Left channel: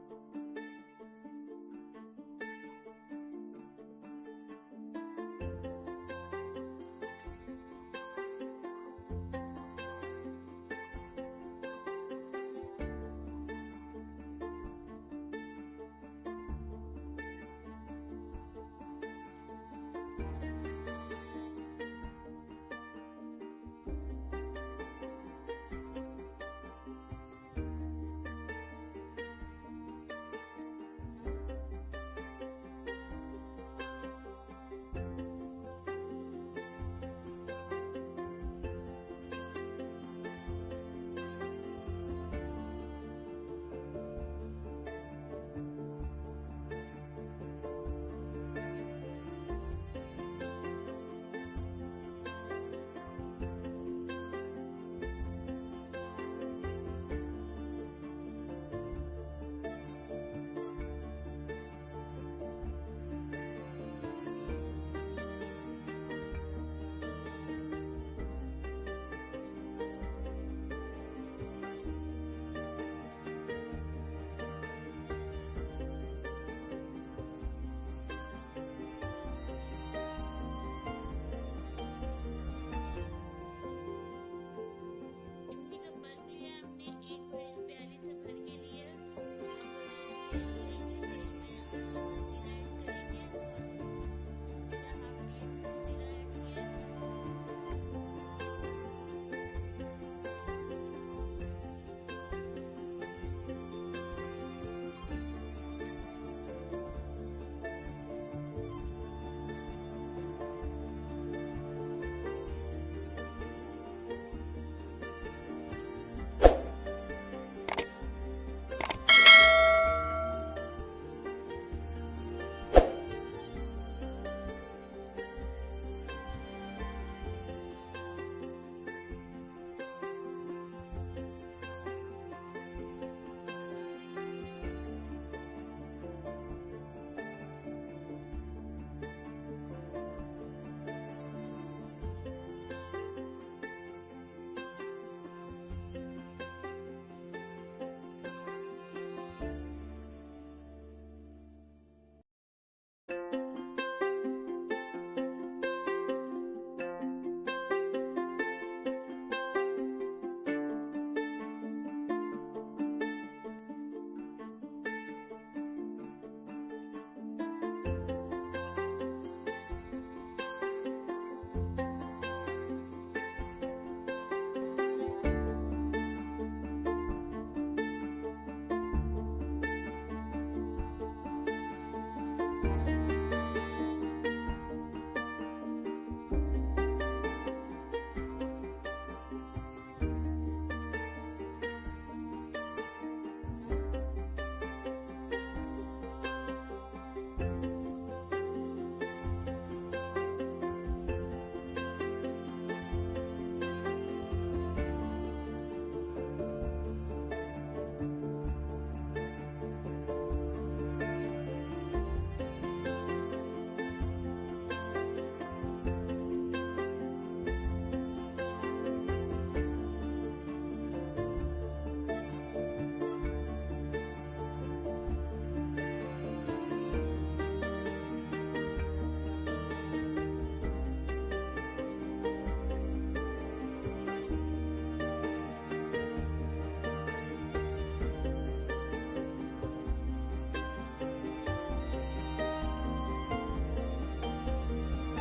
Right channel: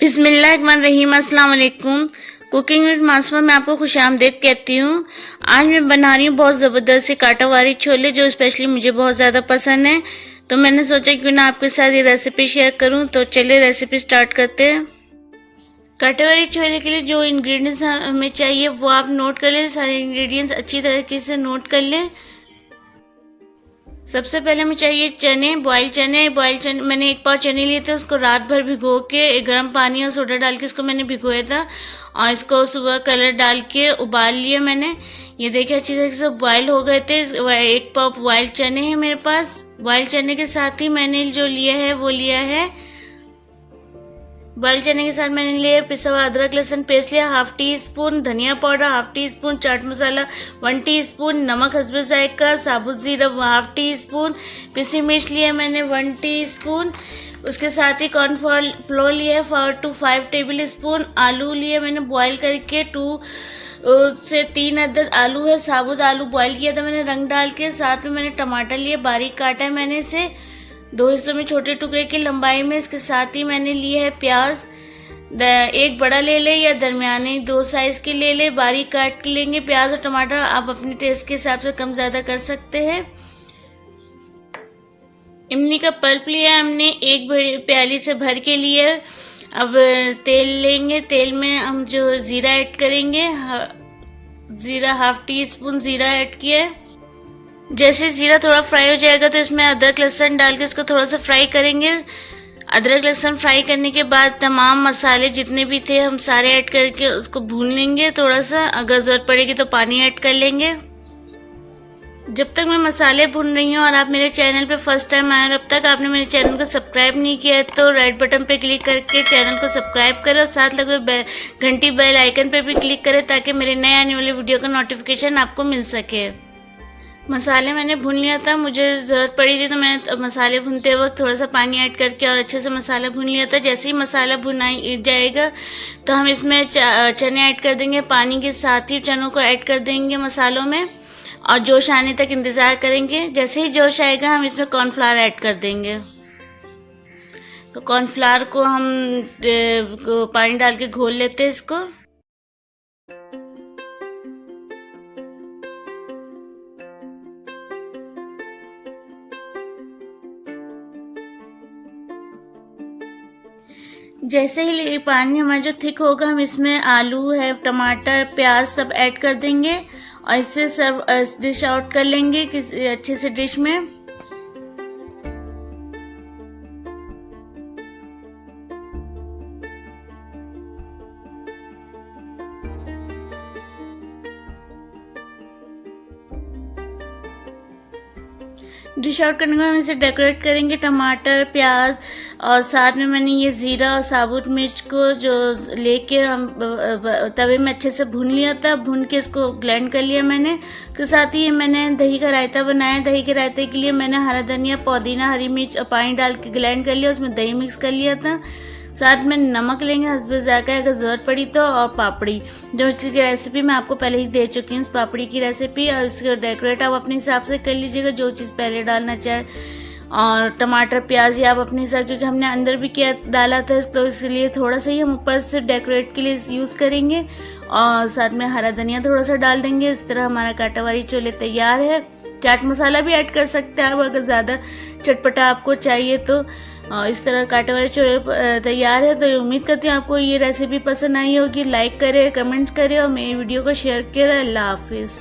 बिस्मिल्लाहिर्रहमानिर्रहीम। अस्सलाम वालेकुम। कुकिंग विद मासुमा में आपको खुशामदीद कहती हूँ। आज मैं बना रही हूँ बहुत ज़बरदस्त से कांटावारी छोले, जो स्पेशली मुझे बहुत ज़्यादा पसंद है। तो मैंने सोचा क्यों ना आपके साथ ये रेसिपी शेयर करूँ। तो चलिए रेसिपी स्टार्ट करते हैं। कांटावारी छोले के लिए जो इंग्रेडिएंट्स हमें चाहिए वो आप नोट कर लें। सारे इंग्रेडिएंट्स अच्छी तरीके से नोट कर लें। सबसे पहले हमें चाहिए चने, बॉयल चने मैंने 1 पाव चने लिए थे। उसको रात भर भिगो के गर्म पानी और सोडा डाल के इसको मैंने भिगोया था और इसको सुबह कलर डाल के उबाल लिया मैंने। ये देखिए अच्छी तरीके से बॉयल हो गए थे। 1 पाव बॉयल चने हैं मेरे पास। बॉयल चने के साथ ही मैंने जो लिया है वो लिया है, बॉयल चने के साथ मैंने लिया पिसा हुआ अदरक लहसुन पेस्ट लिया, 1/2 टीस्पून धनिया powder, 1/2 teaspoon chaat masala, 1 teaspoon नमक हस्बे जायका, साबुत जीरा 1/2 टीस्पून, पिसी मिर्च लिया मैंने 1 टीस्पून। उसके साथ ही कॉर्नफ्लोर लिया 4 to 5 टेबल स्पून। आलू लिए मैंने बॉयल करके 2 से 3 अदद आलू है, साबुत आलू बॉयल किया था मैंने रंग डाल के। साथ में मैंने टमाटर लिए, बारीक काटा है मैंने इसे 2 हिस्सों में छोटे टुकड़े की लंबाई में। इसके साथ ही मैंने लिए है प्याज, 1 बड़ा ले ले या दरमियाने 2 साइज के ले ले, बारीक काट के लेंगे। प्याज और टमाटर आप अपने टेस्ट के हिसाब से कम ज़्यादा कर सकते हैं। इमली का पल्प लिया हमने 1 बड़ी प्याली से भर के लिए। अब तेल लेंगे, तेल में हम जो ज़ीरा ऐड करेंगे, ज़ीरा 1/2 टीस्पून ज़ीरा ऐड किया है। जैसे ज़ीरा थोड़ा फ्राई हो जाएगा तो इसमें अदरक लहसुन डाल के इसको थोड़ा सा फ्राई करेंगे। अदरक लहसुन फ्राई करने के बाद तमाम मसाले जितने भी थे हम सारे ऐड करके उसको भून लेंगे थोड़ा सा। अगर ज़रूरत पड़ेगी तो पानी ऐड कर लेंगे। जब तक मैं मसाले भून रही हूँ और आप मेरे चैनल पे फर्स्ट टाइम आए और अब तक आपने मेरे चैनल को सब्सक्राइब नहीं किया है तो रेड बटन पे क्लिक करके चैनल को सब्सक्राइब करें और साथ लगे घंटी बेल आइकन पे भी क्लिक करें ताकि मेरे नए आने वाले वीडियो का नोटिफिकेशन आपको मिल सके। मसाले मैंने भून लिया था, मुझे ज़रूरत पड़ी थी तो मैंने मसाले भूनते वक्त थोड़ा सा पानी ऐड करके और अच्छे से मसाला भून लिया था। जैसे ही मसाला भुनाई जाएगा तो हम इसमें चने ऐड कर देंगे। पानी के साथ ही चनों को ऐड कर देंगे मसालों में और जोश आने तक इंतज़ार करेंगे। जैसे ही जोश आएगा हम इसमें कॉर्नफ्लावर ऐड कर देंगे। तो कॉर्नफ्लावर को हम पानी डाल के घोल लेते हैं इसको। जैसे ही पानी हमारा जो थिक होगा हम इसमें आलू है, टमाटर, प्याज सब ऐड कर देंगे और इससे सर्व डिश आउट कर लेंगे किसी अच्छे से डिश में। डिश आउट करने के बाद हम इसे डेकोरेट करेंगे टमाटर, प्याज और साथ में मैंने ये ज़ीरा और साबुत मिर्च को जो लेके हम तवे में अच्छे से भून लिया था। भून के इसको ब्लेंड कर लिया मैंने। उसके साथ ही मैंने दही का रायता बनाया। दही के रायते के लिए मैंने हरा धनिया, पुदीना, हरी मिर्च और पानी डाल के ब्लेंड कर लिया। उसमें दही मिक्स कर लिया था। साथ में नमक लेंगे हस्बे जायका अगर ज़रूरत पड़ी तो, और पापड़ी जो इसकी रेसिपी मैं आपको पहले ही दे चुकी हूँ इस पापड़ी की रेसिपी। और इसको डेकोरेट आप अपने हिसाब से कर लीजिएगा जो चीज़ पहले डालना चाहे। और टमाटर प्याज ये आप अपने हिसाब, क्योंकि हमने अंदर भी किया डाला था तो इसलिए थोड़ा सा ही हम ऊपर से डेकोरेट के लिए यूज़ करेंगे। और साथ में हरा धनिया थोड़ा सा डाल देंगे। इस तरह हमारा कांटावारी छोले तैयार है। चाट मसाला भी ऐड कर सकते हैं आप अगर ज़्यादा चटपटा आपको चाहिए तो। इस तरह कांटावारी छोले तैयार है। तो उम्मीद करती हूँ आपको ये रेसिपी पसंद आई होगी। लाइक करें, कमेंट्स करें और मेरी वीडियो को शेयर करें। अल्लाह हाफिज़।